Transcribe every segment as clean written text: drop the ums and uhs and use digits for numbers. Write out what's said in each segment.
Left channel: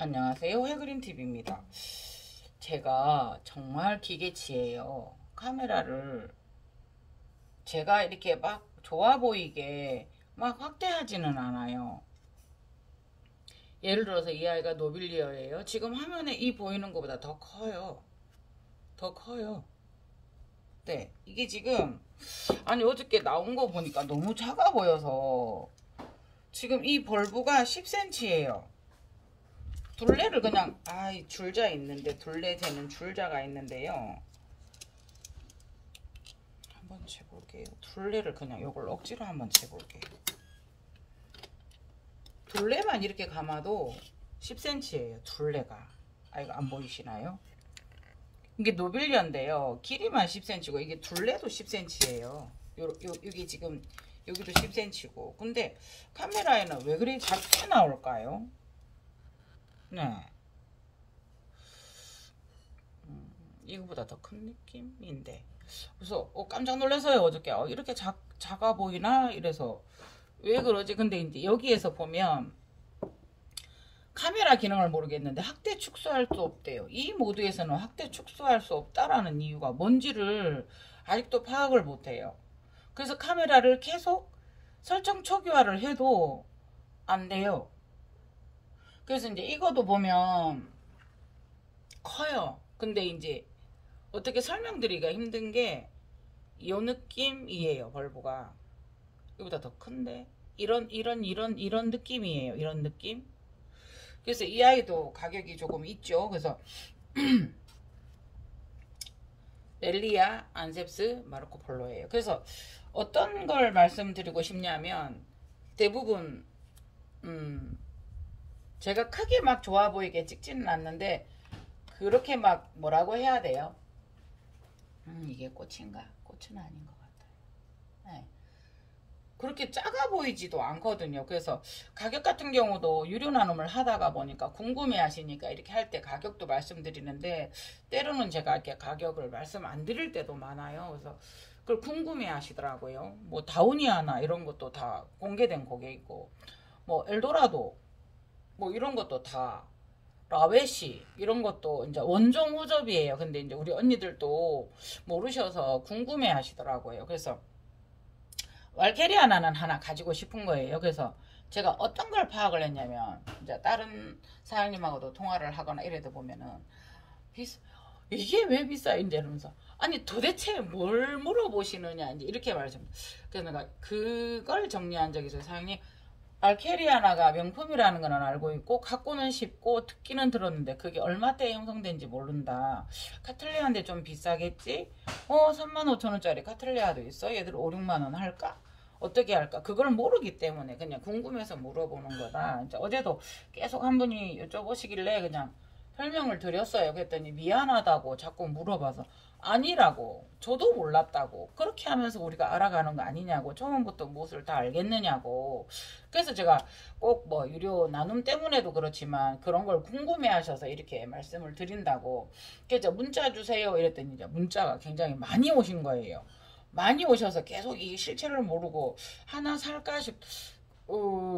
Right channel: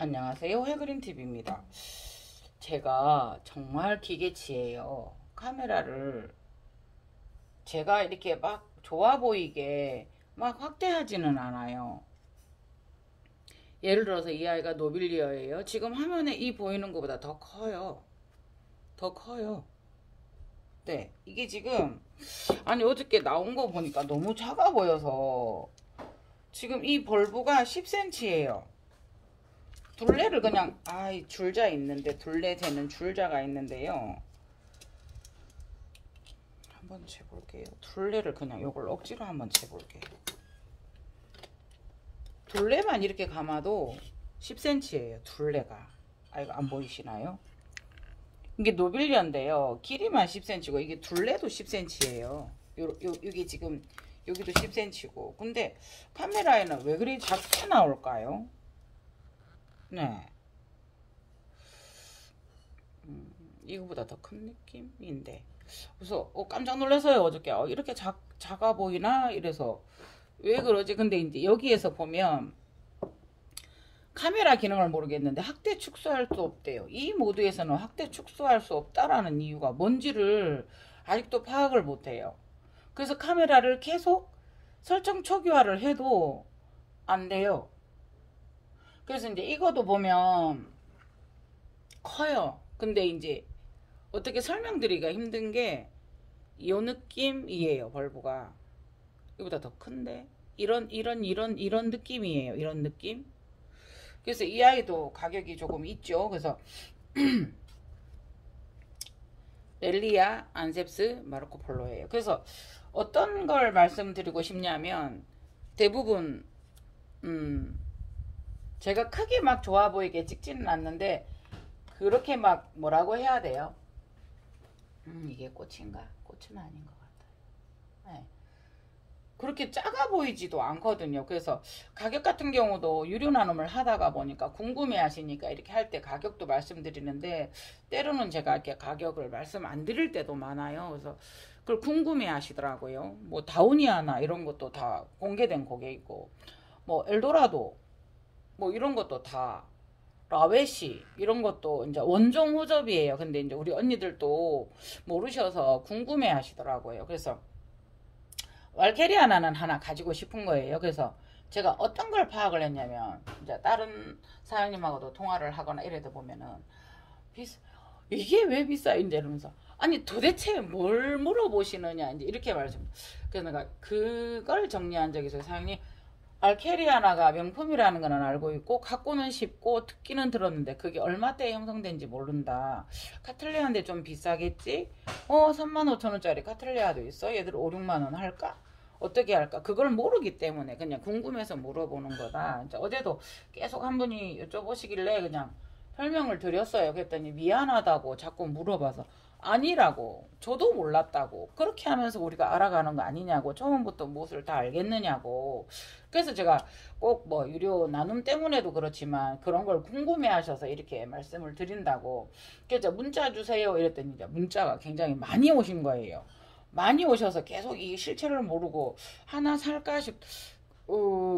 안녕하세요. 해그린TV입니다. 제가 정말 기계치예요. 카메라를 제가 이렇게 막 좋아 보이게 막 확대하지는 않아요. 예를 들어서 이 아이가 노빌리어예요. 지금 화면에 이 보이는 것보다 더 커요. 더 커요. 네, 이게 지금 아니 어저께 나온 거 보니까 너무 작아 보여서 지금 이 벌브가 10cm예요. 둘레를 그냥 줄자 있는데 둘레 되는 줄자가 있는데요. 한번 재볼게요. 둘레를 그냥 이걸 억지로 한번 재볼게요. 둘레만 이렇게 감아도 10cm예요. 둘레가. 이거 안 보이시나요? 이게 노빌리언인데요. 길이만 10cm고 이게 둘레도 10cm예요. 여기 지금 여기도 10cm고. 근데 카메라에는 왜 그리 작게 나올까요? 네. 이거보다 더 큰 느낌인데. 그래서 깜짝 놀라서요. 어저께 이렇게 작아 보이나 이래서 왜 그러지? 근데 이제 여기에서 보면 카메라 기능을 모르겠는데 확대 축소할 수 없대요. 이 모드에서는 확대 축소할 수 없다라는 이유가 뭔지를 아직도 파악을 못해요. 그래서 카메라를 계속 설정 초기화를 해도 안 돼요. 그래서 이제 이것도 보면 커요. 근데 이제 어떻게 설명드리기가 힘든 게 이 느낌이에요. 벌브가 이거보다 더 큰데 이런 느낌이에요. 이런 느낌. 그래서 이 아이도 가격이 조금 있죠. 그래서 렐리아 안셉스 마르코 폴로예요. 그래서 어떤 걸 말씀드리고 싶냐면 대부분 제가 크게 막 좋아 보이게 찍지는 않는데 그렇게 막 뭐라고 해야 돼요? 이게 꽃인가? 꽃은 아닌 것 같아요. 네. 그렇게 작아 보이지도 않거든요. 그래서 가격 같은 경우도 유료 나눔을 하다가 보니까 궁금해 하시니까 이렇게 할 때 가격도 말씀드리는데 때로는 제가 이렇게 가격을 말씀 안 드릴 때도 많아요. 그래서 그걸 궁금해 하시더라고요. 뭐 다우니아나 이런 것도 다 공개된 고객이고 뭐 엘도라도 뭐 이런 것도 다 라웨시 이런 것도 이제 원종 호접이에요. 근데 이제 우리 언니들도 모르셔서 궁금해 하시더라고요. 그래서 왈케리아나는 하나 가지고 싶은 거예요. 그래서 제가 어떤 걸 파악을 했냐면 이제 다른 사장님하고도 통화를 하거나 이래도 보면은 이게 왜 비싸? 이제 이러면서 아니 도대체 뭘 물어보시느냐 이제 이렇게 말씀. 그래서 내가 그걸 정리한 적이 있어요. 사장님 알케리아나가 명품이라는 거는 알고 있고 갖고는 쉽고 듣기는 들었는데 그게 얼마대에 형성된지 모른다. 카틀레아인데 좀 비싸겠지? 35,000원짜리 카틀레아도 있어? 얘들 5, 6만원 할까? 어떻게 할까? 그걸 모르기 때문에 그냥 궁금해서 물어보는 거다. 어제도 계속 한 분이 여쭤보시길래 그냥 설명을 드렸어요. 그랬더니 미안하다고 자꾸 물어봐서 아니라고 저도 몰랐다고 그렇게 하면서 우리가 알아가는 거 아니냐고 처음부터 무엇을 다 알겠느냐고. 그래서 제가 꼭 뭐 유료 나눔 때문에도 그렇지만 그런 걸 궁금해 하셔서 이렇게 말씀을 드린다고. 그래서 문자 주세요 이랬더니 이제 문자가 굉장히 많이 오신 거예요. 많이 오셔서 계속 이 실체를 모르고 하나 살까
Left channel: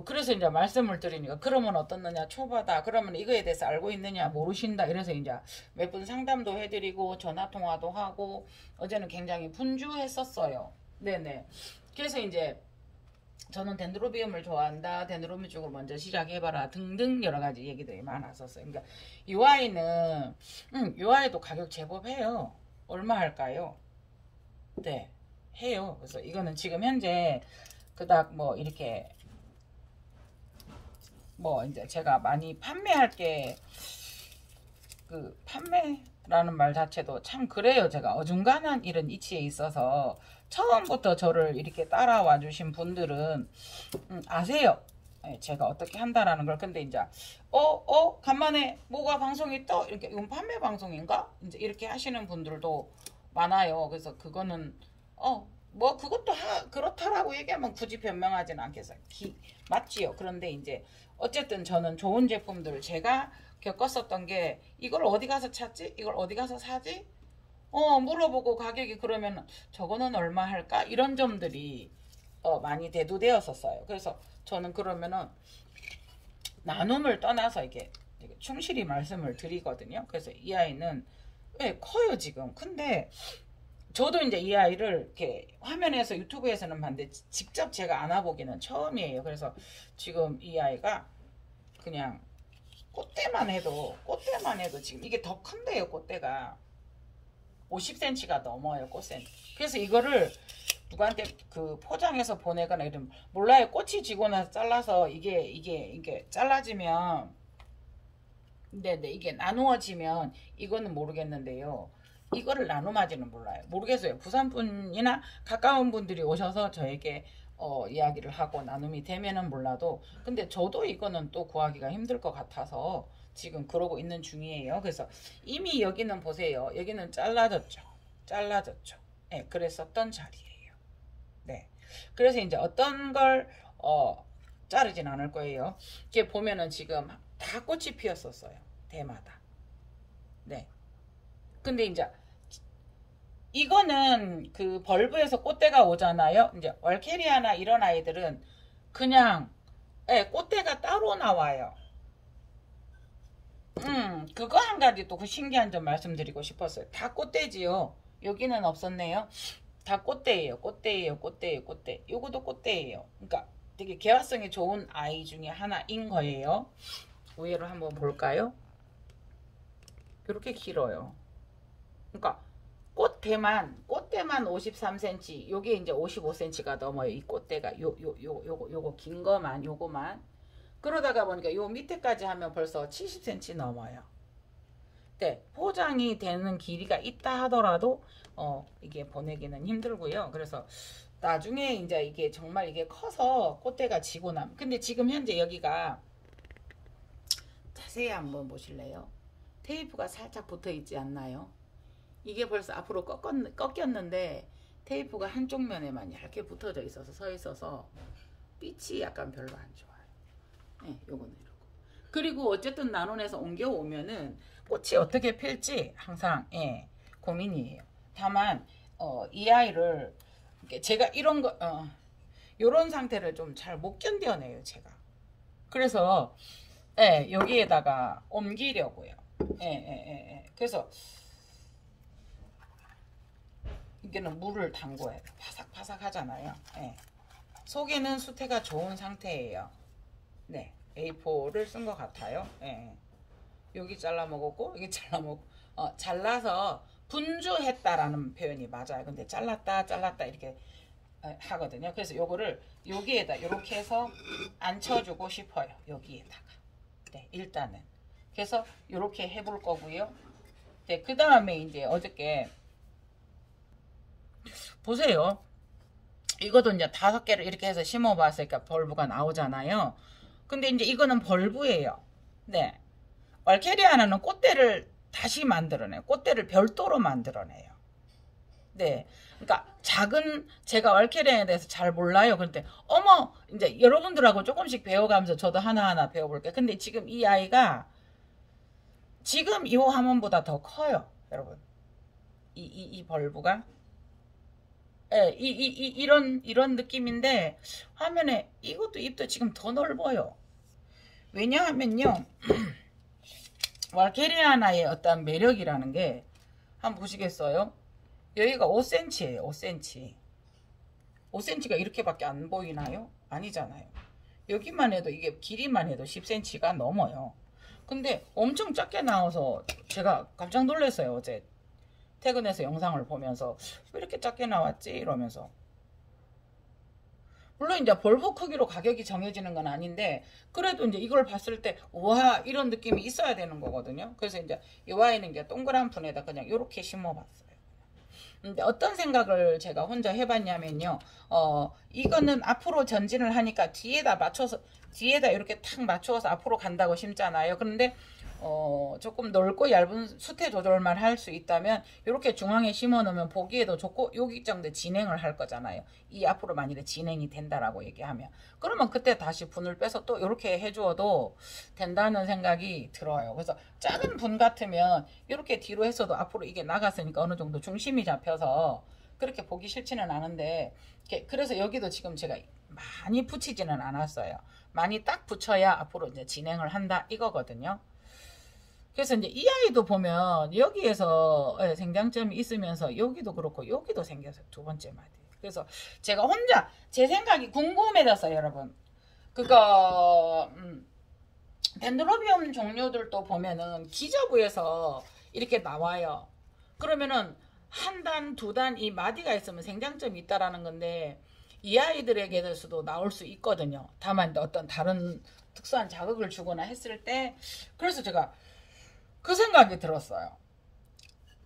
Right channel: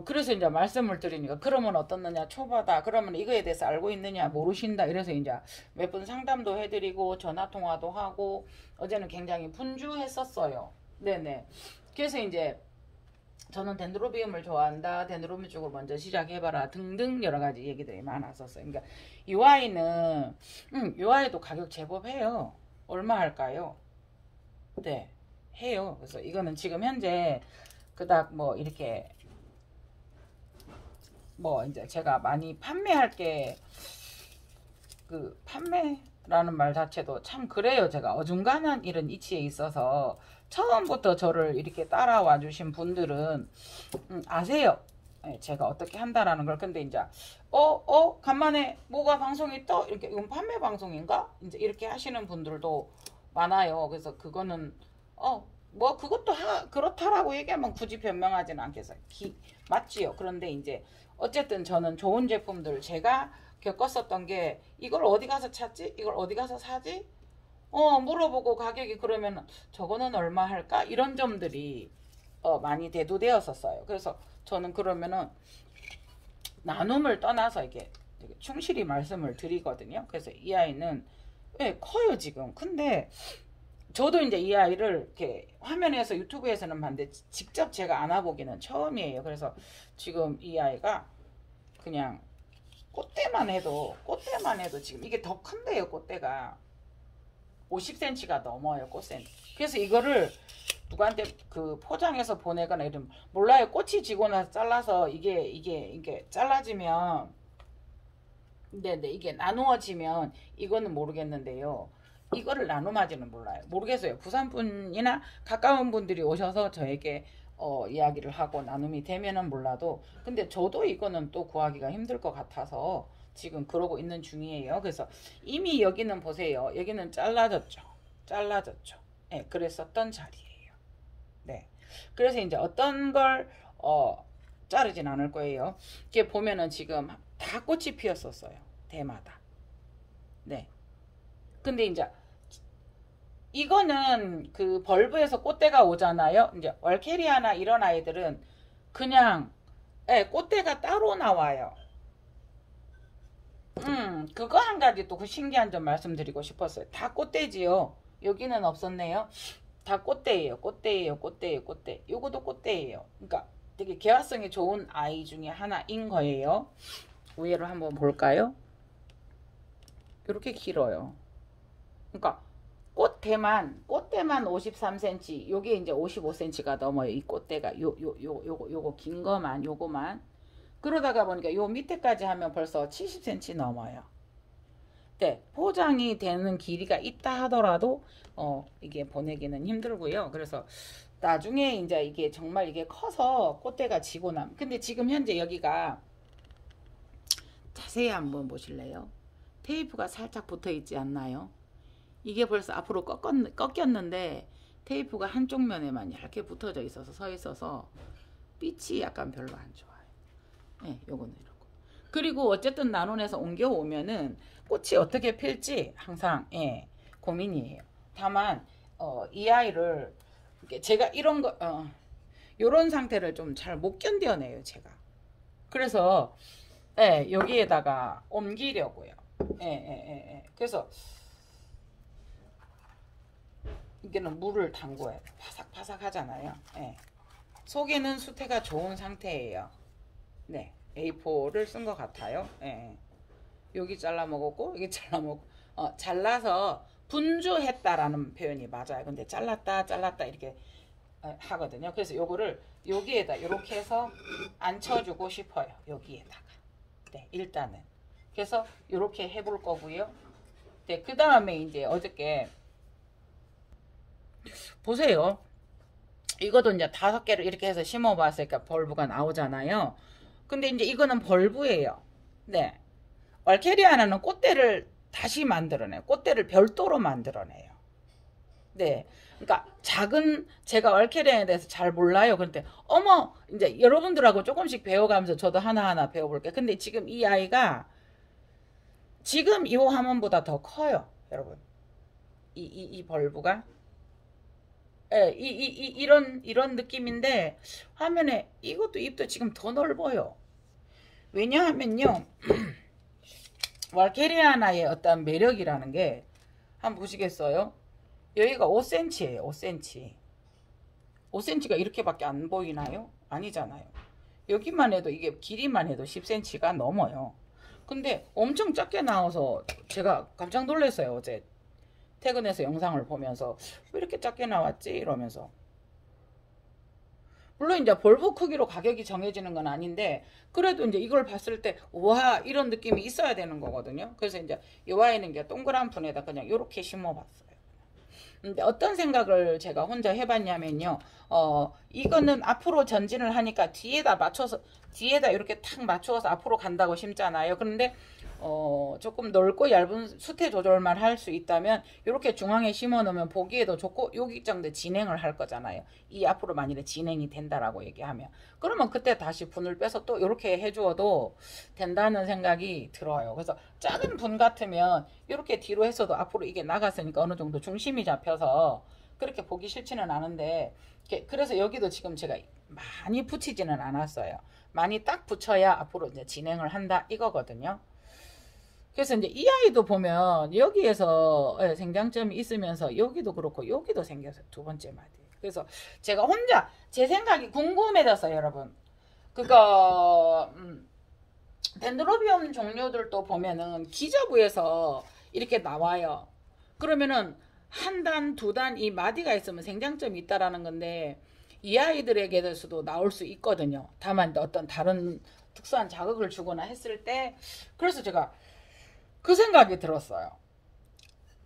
그래서 이제 말씀을 드리니까 그러면 어떻느냐 초보다 그러면 이거에 대해서 알고 있느냐 모르신다 이래서 이제 몇 분 상담도 해드리고 전화 통화도 하고 어제는 굉장히 분주했었어요. 네네. 그래서 이제 저는 덴드로비움을 좋아한다. 덴드로비움 쪽을 먼저 시작해봐라. 등등 여러 가지 얘기들이 많았었어요. 그러니까 UI는 UI도 가격 제법 해요. 얼마 할까요? 네, 해요. 그래서 이거는 지금 현재 그닥 뭐 이렇게 뭐 이제 제가 많이 판매할 게 그 판매라는 말 자체도 참 그래요. 제가 어중간한 이런 이치에 있어서 처음부터 저를 이렇게 따라와 주신 분들은 아세요. 네, 제가 어떻게 한다라는 걸. 근데 이제 간만에 뭐가 방송이 떠 이렇게 이건 판매 방송인가 이제 이렇게 하시는 분들도 많아요. 그래서 그거는 뭐 그것도 그렇다라고 얘기하면 굳이 변명하지는 않겠어요. 맞지요. 그런데 이제 어쨌든 저는 좋은 제품들을 제가 겪었었던 게 이걸 어디 가서 찾지? 이걸 어디 가서 사지? 물어보고 가격이 그러면 저거는 얼마 할까? 이런 점들이 많이 대두되었었어요. 그래서 저는 그러면은 나눔을 떠나서 이게 되게 충실히 말씀을 드리거든요. 그래서 이 아이는 네, 커요 지금. 근데 저도 이제 이 아이를 이렇게 화면에서 유튜브에서는 봤는데 직접 제가 안아보기는 처음이에요. 그래서 지금 이 아이가 그냥 꽃대만 해도 지금 이게 더 큰데요. 꽃대가 50cm가 넘어요. 꽃샘. 그래서 이거를 누구한테 그 포장해서 보내거나 이러면 몰라요. 꽃이 지고 나서 잘라서 이게 잘라지면 근데 이게 나누어지면 이거는 모르겠는데요. 이거를 나눔하지는 몰라요. 모르겠어요. 부산 분이나 가까운 분들이 오셔서 저에게 이야기를 하고 나눔이 되면은 몰라도 근데 저도 이거는 또 구하기가 힘들 것 같아서 지금 그러고 있는 중이에요. 그래서 이미 여기는 보세요. 여기는 잘라졌죠. 네, 그랬었던 자리예요. 네. 그래서 이제 어떤 걸 자르진 않을 거예요. 이게 보면은 지금 다 꽃이 피었었어요. 대마다. 네. 근데 이제 이거는 그 벌브에서 꽃대가 오잖아요. 이제 월케리아나 이런 아이들은 그냥 꽃대가 따로 나와요. 그거 한 가지 또 그 신기한 점 말씀드리고 싶었어요. 다 꽃대지요. 여기는 없었네요. 다 꽃대예요. 꽃대. 요것도 꽃대예요. 그러니까 되게 개화성이 좋은 아이 중에 하나인 거예요. 위에로 한번 볼까요? 이렇게 길어요. 그러니까 꽃대만 53cm, 요게 이제 55cm가 넘어요. 이 꽃대가 요거 긴 거만 요거만. 그러다가 보니까 요 밑에까지 하면 벌써 70cm 넘어요. 네, 포장이 되는 길이가 있다 하더라도 이게 보내기는 힘들고요. 그래서 나중에 이제 이게 정말 이게 커서 꽃대가 지고 남. 근데 지금 현재 여기가 자세히 한번 보실래요? 테이프가 살짝 붙어 있지 않나요? 이게 벌써 앞으로 꺾였는데 테이프가 한쪽 면에만 얇게 붙어져 있어서 서 있어서 빛이 약간 별로 안 좋아요. 네, 요거는 이렇고. 그리고 어쨌든 나눔에서 옮겨오면은 꽃이 어떻게 필지 항상 고민이에요. 다만 이 아이를 제가 이런 거 요런 상태를 좀 잘 못 견뎌내요. 제가. 그래서 여기에다가 옮기려고요. 그래서 이게는 물을 담궈야 돼. 바삭바삭 하잖아요. 속에는 수태가 좋은 상태예요. 네, A4를 쓴 것 같아요. 여기 잘라 먹었고 여기 잘라 먹고 잘라서 분주했다라는 표현이 맞아요. 근데 잘랐다 이렇게 하거든요. 그래서 요거를 여기에다 이렇게 해서 앉혀주고 싶어요. 여기에다가. 네, 일단은. 그래서 이렇게 해볼 거고요. 네, 그 다음에 이제 어저께 보세요. 이것도 이제 5개를 이렇게 해서 심어봤으니까 벌브가 나오잖아요. 근데 이제 이거는 벌브예요. 네. 월케리아나는 꽃대를 다시 만들어내요. 꽃대를 별도로 만들어내요. 네. 그러니까 제가 월케리아나에 대해서 잘 몰라요. 그런데 어머 이제 여러분들하고 조금씩 배워가면서 저도 하나하나 배워볼게요. 근데 지금 이 아이가 지금 이 화면보다 더 커요. 여러분. 이 벌브가. 이런 느낌인데 화면에 이것도 잎도 지금 더 넓어요. 왜냐하면요. 월케리아나의 어떤 매력이라는 게 한번 보시겠어요? 여기가 5cm예요. 5cm. 5cm가 이렇게밖에 안 보이나요? 아니잖아요. 여기만 해도 이게 길이만 해도 10cm가 넘어요. 근데 엄청 작게 나와서 제가 깜짝 놀랐어요. 어제 퇴근해서 영상을 보면서 왜 이렇게 작게 나왔지? 이러면서. 물론 이제 벌브 크기로 가격이 정해지는 건 아닌데 그래도 이제 이걸 봤을 때 와 이런 느낌이 있어야 되는 거거든요. 그래서 이제 이 아이는 이제 동그란 분에다 그냥 이렇게 심어봤어요. 근데 어떤 생각을 제가 혼자 해봤냐면요. 이거는 앞으로 전진을 하니까 뒤에다 이렇게 탁 맞춰서 앞으로 간다고 심잖아요. 그런데 조금 넓고 얇은 수태 조절만 할 수 있다면 이렇게 중앙에 심어 놓으면 보기에도 좋고 여기 정도 진행을 할 거잖아요. 이 앞으로 만일에 진행이 된다라고 얘기하면 그러면 그때 다시 분을 빼서 또 이렇게 해주어도 된다는 생각이 들어요. 그래서 작은 분 같으면 이렇게 뒤로 했어도 앞으로 이게 나갔으니까 어느 정도 중심이 잡혀서 그렇게 보기 싫지는 않은데 그래서 여기도 지금 제가 많이 붙이지는 않았어요. 많이 딱 붙여야 앞으로 이제 진행을 한다 이거거든요. 그래서 이제 이 아이도 보면 여기에서 생장점이 있으면서 여기도 그렇고 여기도 생겨서 두 번째 마디. 그래서 제가 혼자 제 생각이 궁금해졌어요, 여러분. 그거 덴드로비움 종류들도 보면은 기저부에서 이렇게 나와요. 그러면은 한 단, 두 단 이 마디가 있으면 생장점이 있다라는 건데 이 아이들에게서도 나올 수 있거든요. 다만 어떤 다른 특수한 자극을 주거나 했을 때 그래서 제가 그 생각이 들었어요.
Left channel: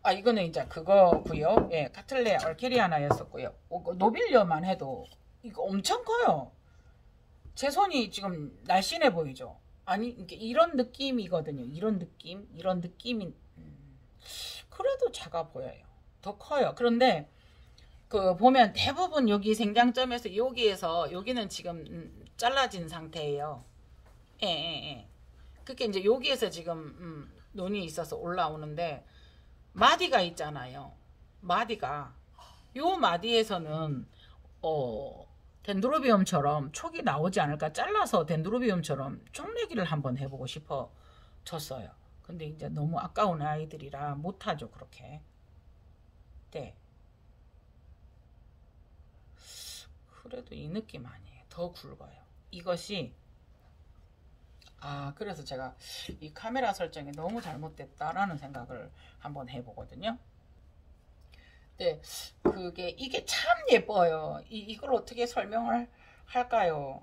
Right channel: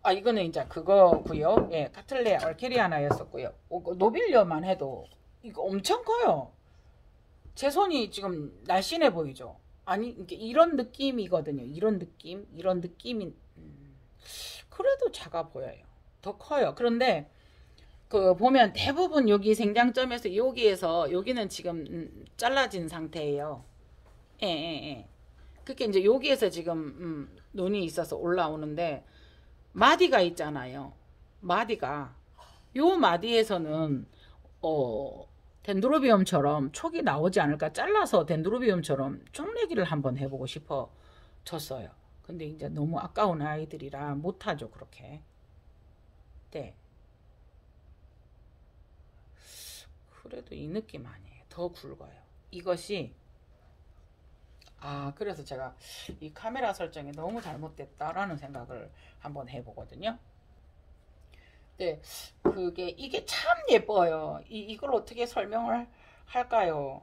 아 이거는 이제 그거고요. 예, 카틀레 얼케리아나였었고요. 노빌려만 해도 이거 엄청 커요. 제 손이 지금 날씬해 보이죠. 아니 이런 느낌이거든요. 이런 느낌이 그래도 작아 보여요. 더 커요. 그런데 그 보면 대부분 여기 생장점에서 여기에서 여기는 지금 잘라진 상태예요. 예, 예, 예. 그게 이제 여기에서 지금 눈이 있어서 올라오는데 마디가 있잖아요. 마디가 요 마디에서는 덴드로비움처럼 촉이 나오지 않을까 잘라서 덴드로비움처럼 쪽내기를 한번 해보고 싶어 졌어요. 근데 이제 너무 아까운 아이들이라 못하죠 그렇게. 네. 그래도 이 느낌 아니에요. 더 굵어요. 이것이 그래서 제가 이 카메라 설정이 너무 잘못됐다라는 생각을 한번 해보거든요. 네, 이게 참 예뻐요. 이걸 어떻게 설명을 할까요?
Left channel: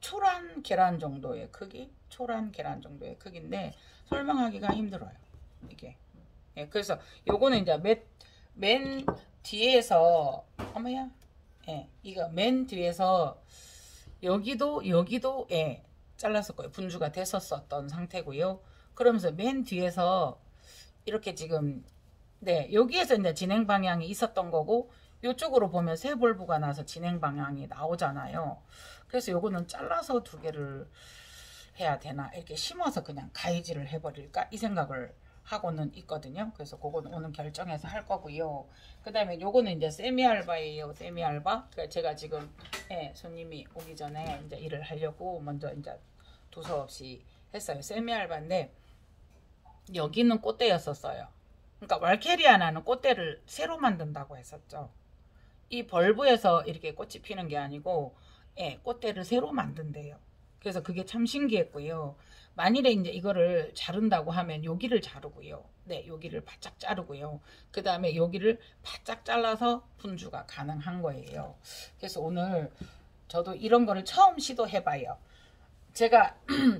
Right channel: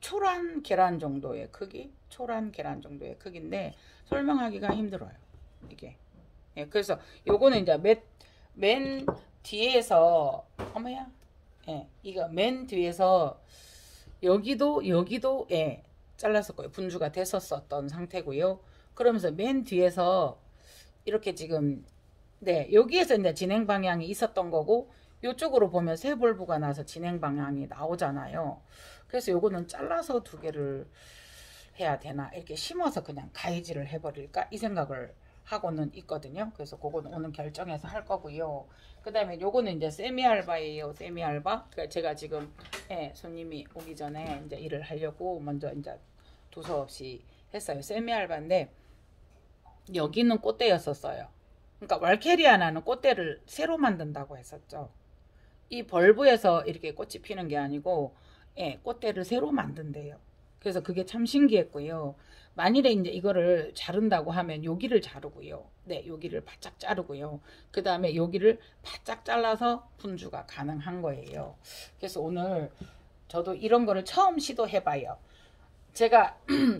초란 계란 정도의 크기? 초란 계란 정도의 크기인데 설명하기가 힘들어요. 이게. 예, 그래서 요거는 이제 맨 뒤에서 어머야. 예, 이거 맨 뒤에서 여기도 예, 잘랐었고요. 분주가 됐었던 상태고요. 그러면서 맨 뒤에서 이렇게 지금 네 여기에서 이제 진행 방향이 있었던 거고 이쪽으로 보면 세 볼부가 나서 진행 방향이 나오잖아요. 그래서 요거는 잘라서 두 개를 해야 되나 이렇게 심어서 그냥 가위질을 해버릴까 이 생각을 하고는 있거든요. 그래서 그거는 오늘 결정해서 할 거고요. 그 다음에 요거는 이제 세미알바예요. 세미알바. 그러니까 제가 지금 손님이 오기 전에 이제 일을 하려고 먼저 이제 두서없이 했어요. 세미알바인데 여기는 꽃대였었어요. 그러니까 왈케리아나는 꽃대를 새로 만든다고 했었죠. 이 벌브에서 이렇게 꽃이 피는 게 아니고 꽃대를 새로 만든대요. 그래서 그게 참 신기했고요. 만일에 이제 이거를 자른다고 하면 여기를 자르고요. 네, 여기를 바짝 자르고요. 그 다음에 여기를 바짝 잘라서 분주가 가능한 거예요. 그래서 오늘 저도 이런 거를 처음 시도해봐요. 제가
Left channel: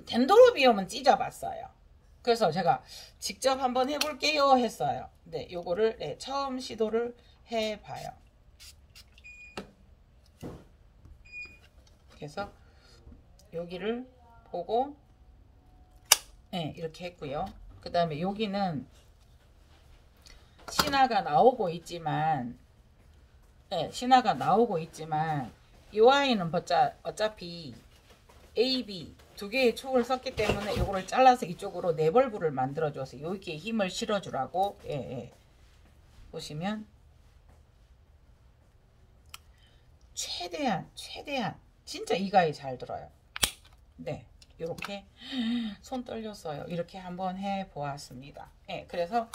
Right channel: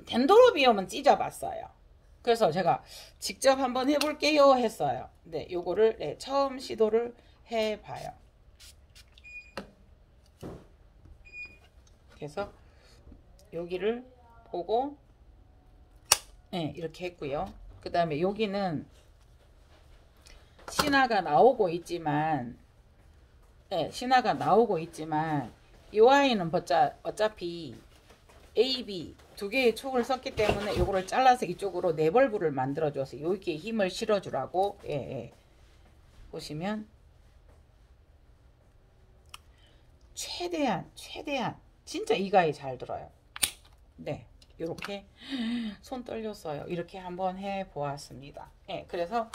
덴드로비움은 찢어봤어요. 그래서 제가 직접 한번 해볼게요 했어요. 네, 요거를 처음 시도를 해봐요. 그래서 여기를 보고 이렇게 했고요. 그 다음에 여기는 신화가 나오고 있지만 신화가 나오고 있지만 이 아이는 어차피 A, B 두 개의 촉을 썼기 때문에 이거를 잘라서 이쪽으로 네벌브를 만들어줘서 여기에 힘을 실어주라고 보시면 최대한 진짜 이 가위 잘 들어요. 네, 이렇게 손 떨렸어요. 이렇게 한번 해보았습니다. 그래서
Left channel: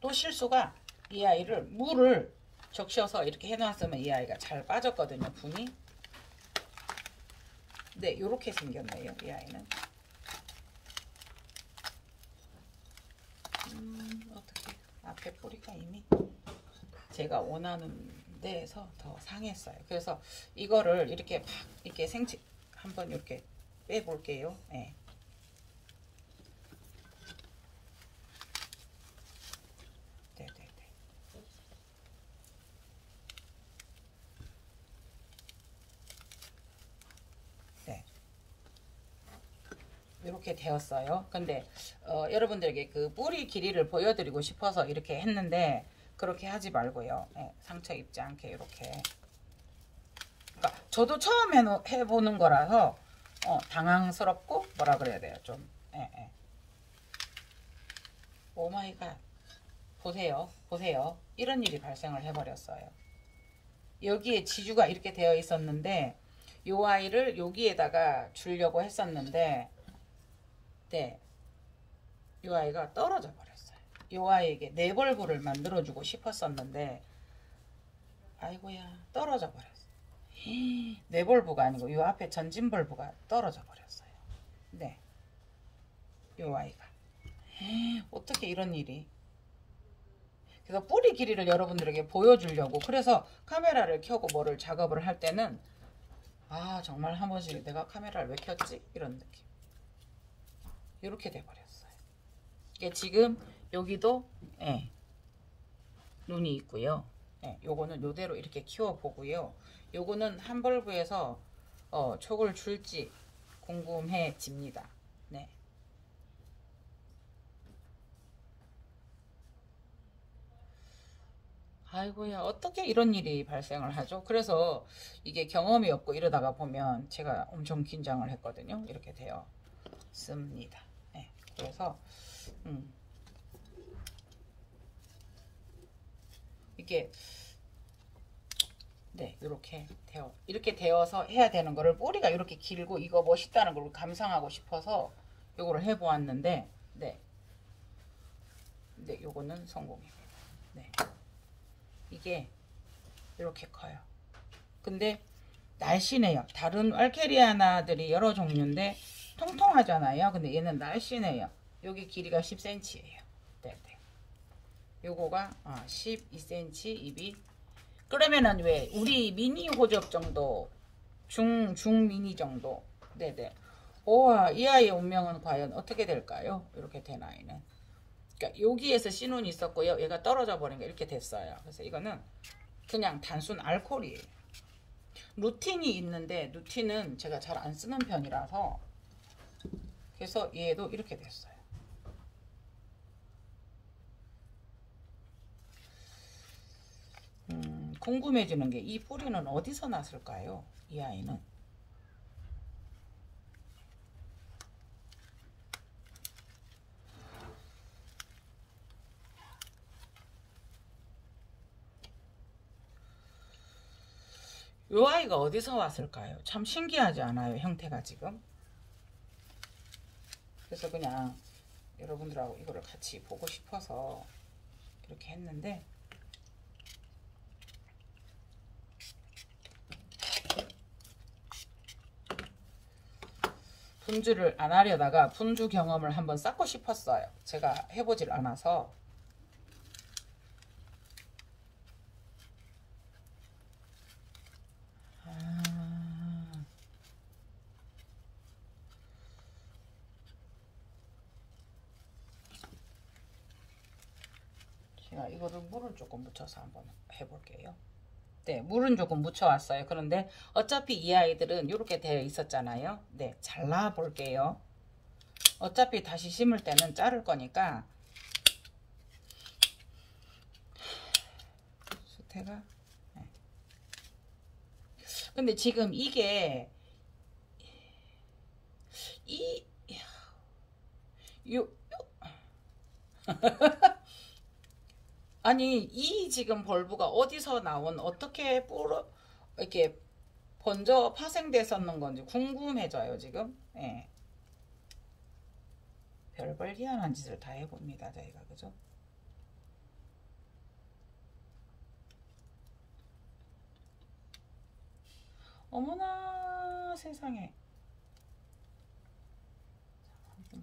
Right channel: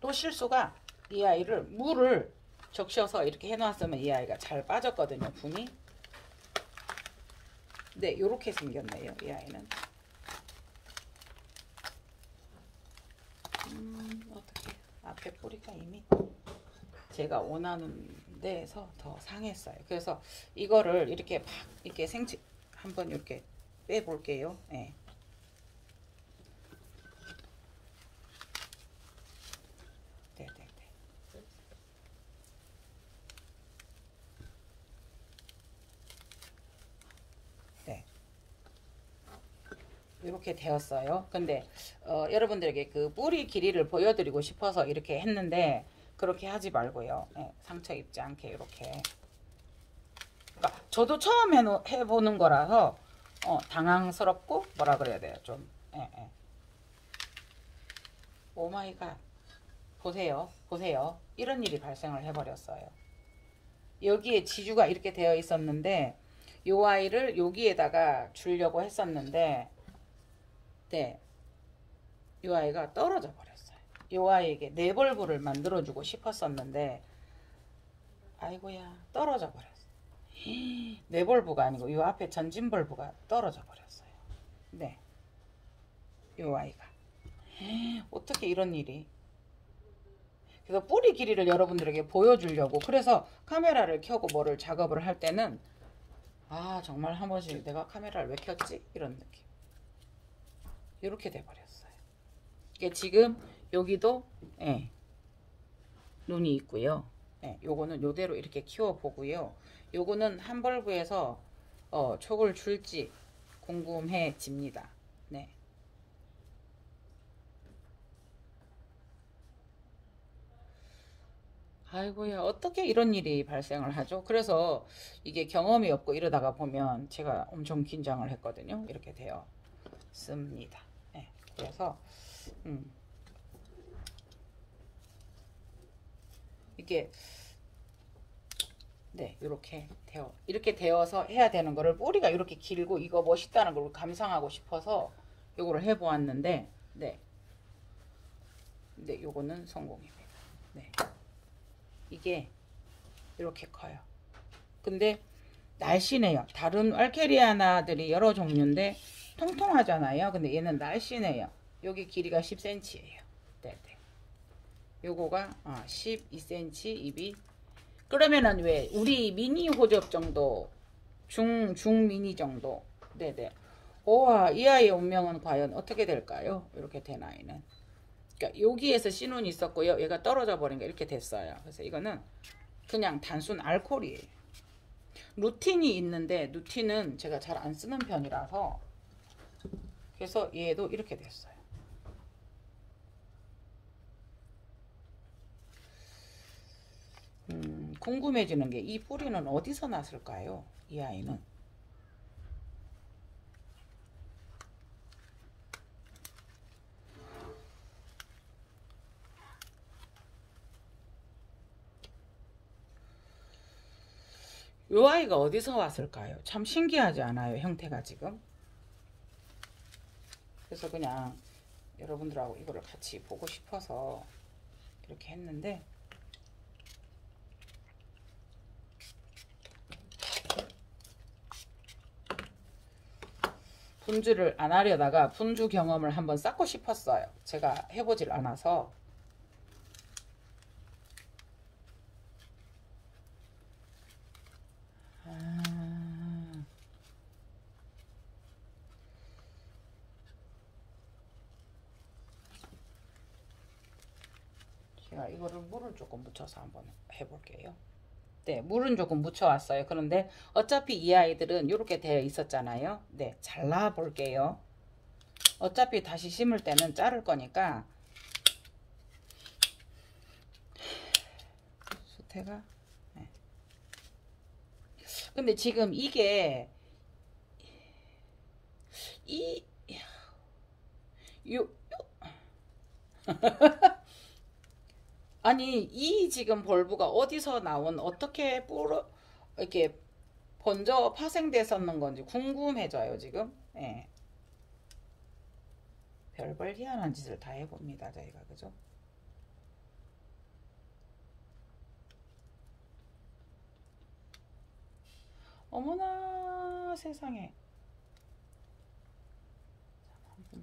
또 실수가 이 아이를 물을 적셔서 이렇게 해놨으면 이 아이가 잘 빠졌거든요. 분이. 네, 요렇게 생겼네요. 이 아이는. 어떻게 앞에 뿌리가 이미 제가 원하는 데에서 더 상했어요. 그래서 이거를 이렇게 막 이렇게 한번 이렇게 빼볼게요. 네. 이렇게 되었어요. 근데 여러분들에게 그 뿌리 길이를 보여드리고 싶어서 이렇게 했는데 그렇게 하지 말고요. 상처 입지 않게 이렇게. 그러니까 저도 처음 해보는 거라서 당황스럽고 뭐라 그래야 돼요. 좀. 오마이갓. 보세요. 이런 일이 발생을 해버렸어요. 여기에 지주가 이렇게 되어 있었는데 요 아이를 여기에다가 주려고 했었는데 네, 요 아이가 떨어져 버렸어요. 요 아이에게 네벌브를 만들어주고 싶었었는데 아이고야 떨어져 버렸어요. 네벌브가 아니고 요 앞에 전진벌브가 떨어져 버렸어요. 네, 요 아이가 어떻게 이런 일이. 그래서 뿌리 길이를 여러분들에게 보여주려고 그래서 카메라를 켜고 뭐를 작업을 할 때는 아 정말 한 번씩 내가 카메라를 왜 켰지? 이런 느낌. 이렇게 돼버렸어요. 이게 지금 여기도 예, 눈이 있고요. 예, 요거는 요대로 이렇게 키워보고요. 요거는 한 벌브에서 촉을 줄지 궁금해집니다. 네. 아이고야 어떻게 이런 일이 발생을 하죠? 그래서 이게 경험이 없고 이러다가 보면 제가 엄청 긴장을 했거든요. 이렇게 되어 씁니다. 네, 그래서 이게 네 이렇게 되어서 해야 되는 거를 뿌리가 이렇게 길고 이거 멋있다는 걸 감상하고 싶어서 요거를 해보았는데 네 요거는 성공입니다. 네. 이게 이렇게 커요. 근데 날씬해요. 다른 알케리아나들이 여러 종류인데 통통하잖아요. 근데 얘는 날씬해요. 여기 길이가 10cm예요. 네네. 요거가 12cm 입이. 그러면은 왜 우리 미니 호접 정도 중 미니 정도. 네네. 우와 이 아이의 운명은 과연 어떻게 될까요? 이렇게 된 아이는. 그러니까 여기에서 신운이 있었고요. 얘가 떨어져 버린 게 이렇게 됐어요. 그래서 이거는 그냥 단순 알코올이에요. 루틴이 있는데 루틴은 제가 잘 안 쓰는 편이라서 그래서 얘도 이렇게 됐어요. 궁금해지는 게 이 뿌리는 어디서 났을까요? 이 아이는. 이 아이가 어디서 왔을까요? 참 신기하지 않아요? 형태가 지금. 그래서 그냥 여러분들하고 이거를 같이 보고 싶어서 이렇게 했는데 분주를 안 하려다가 분주 경험을 한번 쌓고 싶었어요. 제가 해보질 않아서. 제가 이거를 물을 조금 묻혀서 한번 해볼게요. 네, 물은 조금 묻혀왔어요. 그런데 어차피 이 아이들은 이렇게 되어 있었잖아요. 네, 잘라 볼게요. 어차피 다시 심을 때는 자를 거니까. 수태가. 네. 근데 지금 이게 아니 이 지금 벌브가 어디서 나온 어떻게 이렇게 번져 파생됐었는 건지 궁금해져요 지금. 예. 별별 희한한 짓을 다 해봅니다 저희가. 그죠? 어머나 세상에. 한번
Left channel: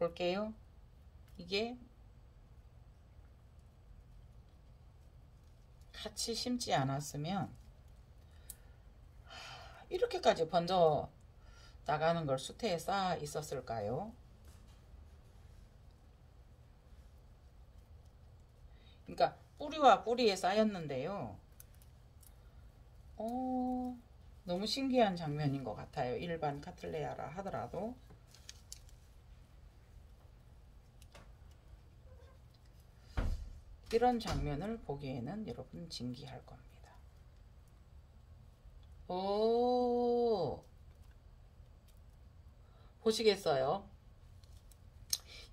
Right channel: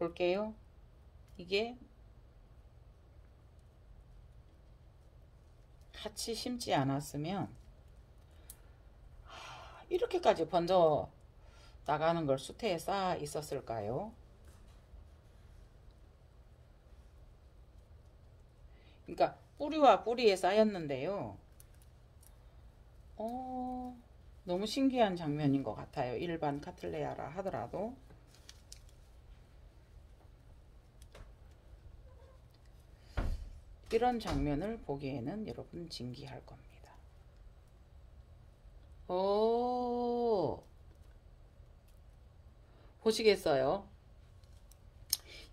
볼게요. 이게 같이 심지 않았으면 이렇게까지 번져 나가는 걸 수태에 쌓아 있었을까요? 그러니까 뿌리와 뿌리에 쌓였는데요. 너무 신기한 장면인 것 같아요. 일반 카틀레아라 하더라도. 이런 장면을 보기에는 여러분 진기할 겁니다. 오, 보시겠어요?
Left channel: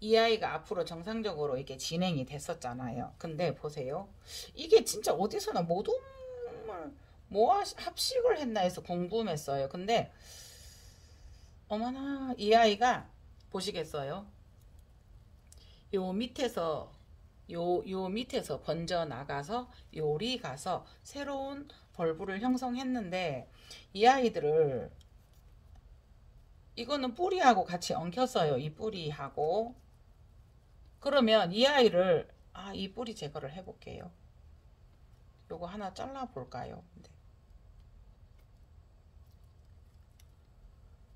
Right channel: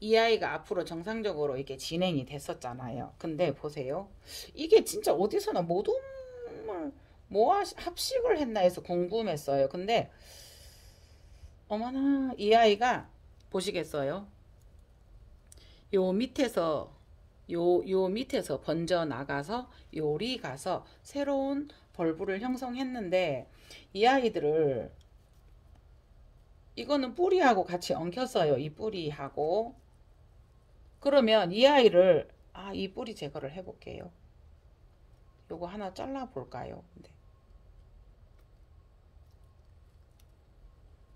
이 아이가 앞으로 정상적으로 이렇게 진행이 됐었잖아요. 근데 보세요. 이게 진짜 어디서나 뭐 합식을 했나 해서 궁금했어요. 근데 어머나 이 아이가 보시겠어요? 요 밑에서 번져 나가서 요리 가서 새로운 벌브를 형성했는데 이 아이들을 이거는 뿌리하고 같이 엉켰어요. 이 뿌리하고. 그러면 이 아이를 이 뿌리 제거를 해볼게요. 요거 하나 잘라 볼까요? 네.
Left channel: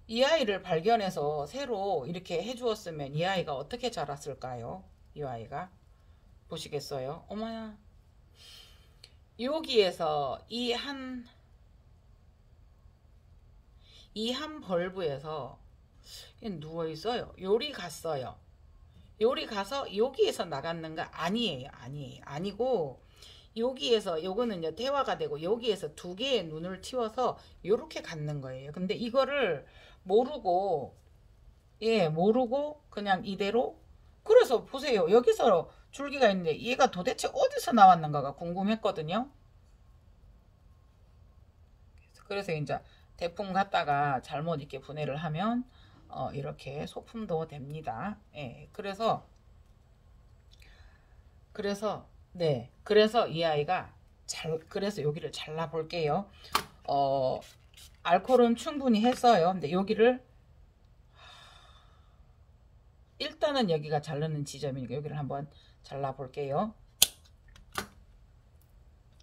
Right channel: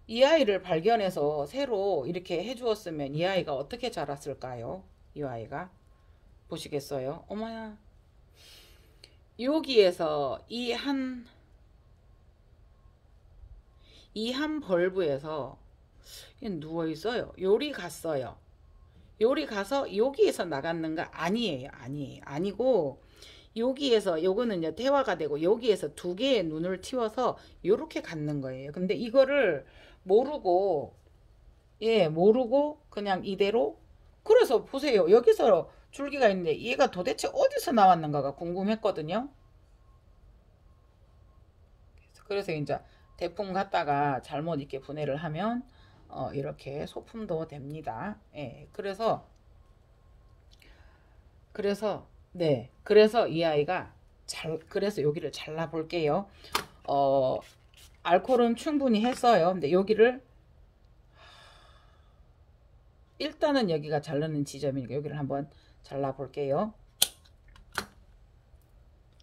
이 아이를 발견해서 새로 이렇게 해주었으면 이 아이가 어떻게 자랐을까요? 이 아이가 보시겠어요? 어머야, 여기에서 이 한 벌브에서 누워 있어요. 요리 갔어요. 요리 가서 여기에서 나갔는가? 아니에요. 아니고 여기에서 요거는 이제 대화가 되고 여기에서 두 개의 눈을 틔워서 요렇게 갖는 거예요. 근데 이거를 모르고 모르고 그냥 이대로. 그래서 보세요. 여기서 줄기가 있는데 얘가 도대체 어디서 나왔는가가 궁금했거든요. 그래서 이제 대풍 갖다가 잘못 이렇게 분해를 하면 이렇게 소품도 됩니다. 예, 그래서 이 아이가 그래서 여기를 잘라 볼게요. 알코올은 충분히 했어요. 근데 여기를 일단은 여기가 자르는 지점이니까 여기를 한번 잘라 볼게요.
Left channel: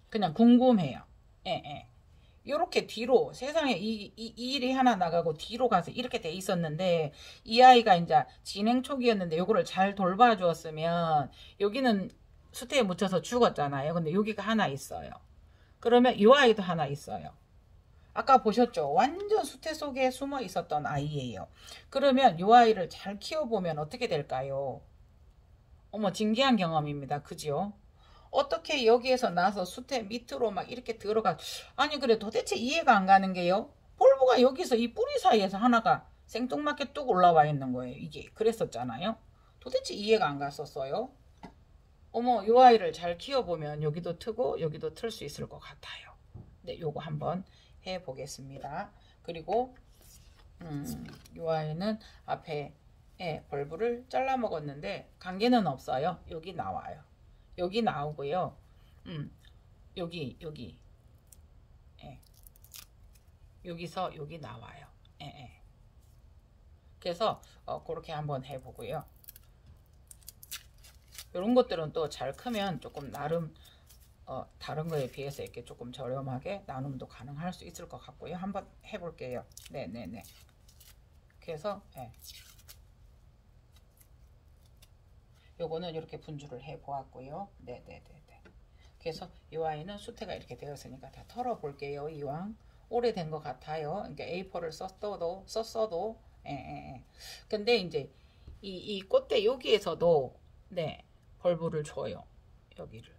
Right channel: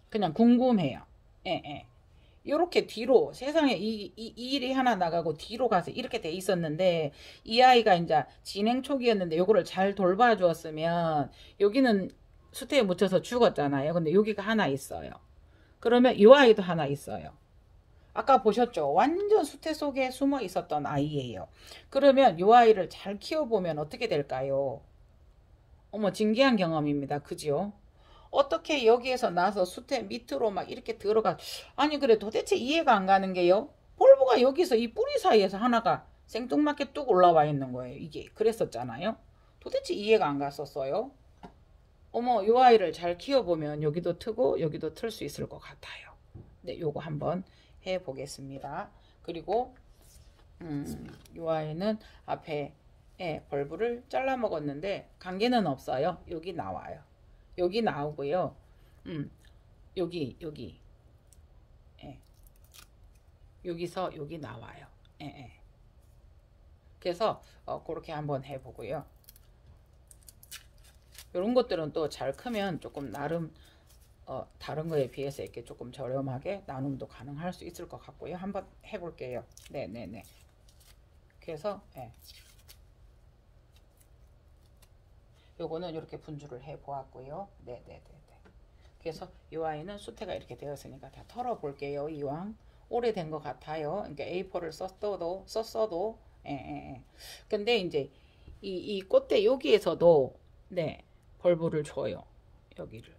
그냥 궁금해요. 예. 요렇게 뒤로 세상에 이 일이 하나 나가고 뒤로 가서 이렇게 돼 있었는데 이 아이가 이제 진행 초기였는데 요거를 잘 돌봐 주었으면 여기는 수태에 묻혀서 죽었잖아요. 근데 여기가 하나 있어요. 그러면 이 아이도 하나 있어요. 아까 보셨죠? 완전 수태 속에 숨어 있었던 아이예요. 그러면 이 아이를 잘 키워보면 어떻게 될까요? 어머, 신기한 경험입니다. 그죠? 어떻게 여기에서 나서 수태 밑으로 막 이렇게 들어가. 아니 그래 도대체 이해가 안 가는 게요. 볼브가 여기서 이 뿌리 사이에서 하나가 생뚱맞게 뚝 올라와 있는 거예요. 이게 그랬었잖아요. 도대체 이해가 안 갔었어요. 어머, 이 아이를 잘 키워보면 여기도 트고 여기도 틀 수 있을 것 같아요. 네, 요거 한번 해보겠습니다. 그리고 이 아이는 앞에 벌브를 잘라 먹었는데 관계는 없어요. 여기 나와요. 여기 나오고요. 여기 여기서 여기 나와요. 그래서 그렇게 한번 해보고요. 이런 것들은 또 잘 크면 조금 나름 다른 거에 비해서 이렇게 조금 저렴하게 나눔도 가능할 수 있을 것 같고요. 한번 해볼게요. 네네네. 그래서 요거는 이렇게 분주를 해 보았고요. 네네네. 그래서 이 아이는 수태가 이렇게 되었으니까 다 털어 볼게요. 이왕 오래된 것 같아요. 그러니까 A4를 썼어도 근데 이제 이 꽃대 여기에서도 벌브를 줘요. 여기를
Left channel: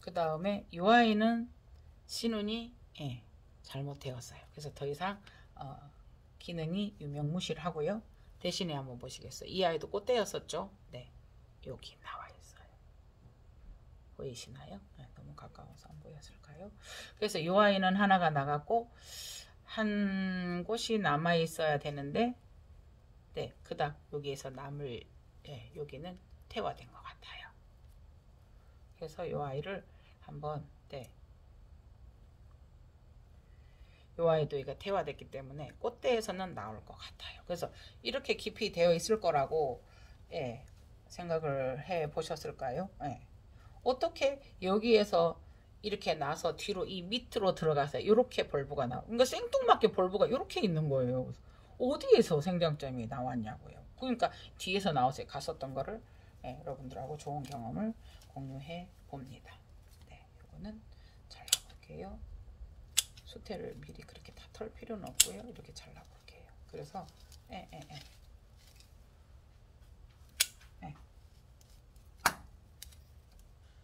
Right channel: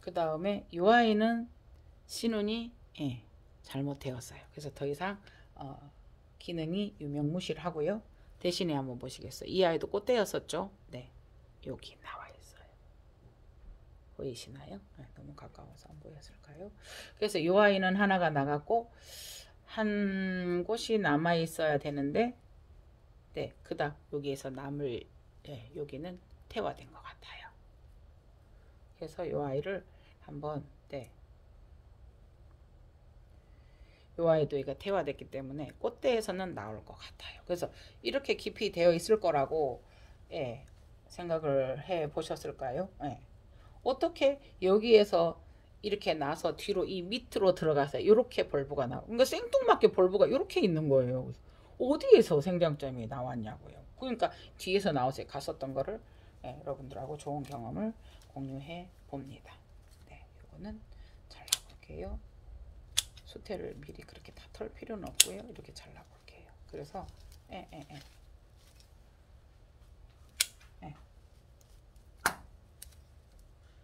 그 다음에 이 아이는 신운이 잘못되었어요. 그래서 더 이상 기능이 유명무실하고요. 대신에 한번 보시겠어요. 이 아이도 꽃대였었죠. 네, 여기 나와 있어요. 보이시나요? 너무 가까워서 안 보였을까요? 그래서 이 아이는 하나가 나갔고 한 곳이 남아 있어야 되는데 그다음 여기에서 남을 여기는 태화된 것 같아요. 그래서 이 아이를 한번 이 아이도 이거 태화됐기 때문에 꽃대에서는 나올 것 같아요. 그래서 이렇게 깊이 되어 있을 거라고 생각을 해 보셨을까요? 어떻게 여기에서 이렇게 나서 뒤로 이 밑으로 들어가서 이렇게 벌브가 나와. 그러니까 생뚱맞게 벌브가 이렇게 있는 거예요. 어디에서 생장점이 나왔냐고요. 그러니까 뒤에서 나와서 갔었던 거를 여러분들하고 좋은 경험을 공유해 봅니다. 이거는 잘라볼게요. 수태를 미리 그렇게 다 털 필요는 없고요. 이렇게 잘라볼게요. 그래서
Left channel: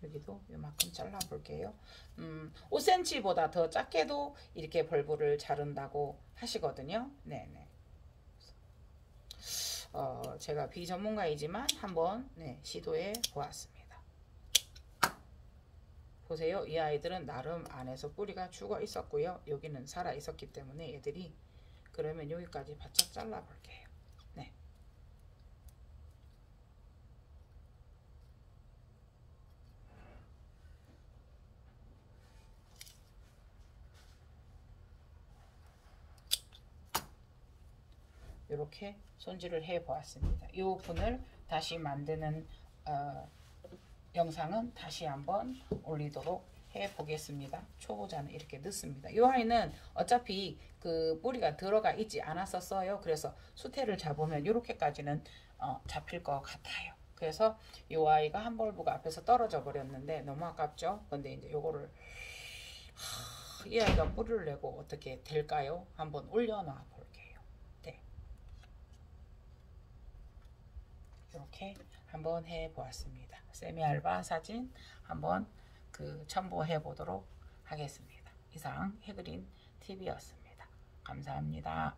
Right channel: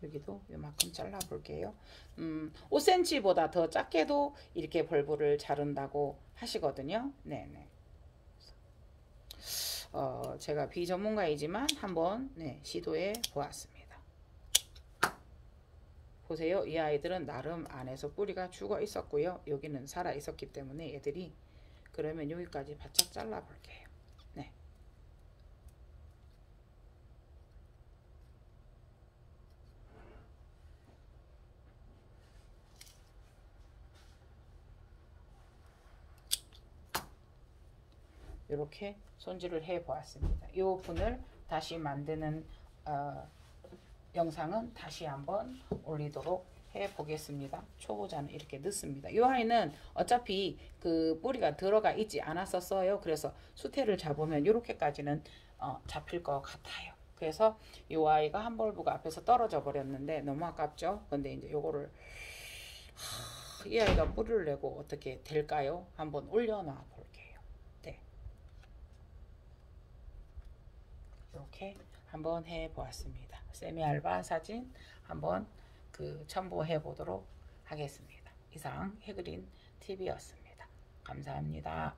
여기도 이만큼 잘라볼게요. 5cm보다 더 작게도 이렇게 벌브를 자른다고 하시거든요. 제가 비전문가이지만 한번 시도해 보았습니다. 보세요. 이 아이들은 나름 안에서 뿌리가 죽어 있었고요. 여기는 살아 있었기 때문에 애들이, 그러면 여기까지 바짝 잘라 볼게요. 네. 이렇게 손질을 해 보았습니다. 이 분을 다시 만드는 영상은 다시 한번 올리도록 해 보겠습니다. 초보자는 이렇게 넣습니다. 이 아이는 어차피 그 뿌리가 들어가 있지 않았었어요. 그래서 수태를 잡으면 이렇게까지는 잡힐 것 같아요. 그래서 이 아이가 한 벌브가 앞에서 떨어져 버렸는데 너무 아깝죠. 근데 이제 요거를 이 아이가 뿌리를 내고 어떻게 될까요? 한번 올려놔 볼게요. 네. 이렇게 한번 해 보았습니다. 세미알바 사진 한번 첨부해 보도록 하겠습니다. 이상 해그린 TV였습니다. 감사합니다.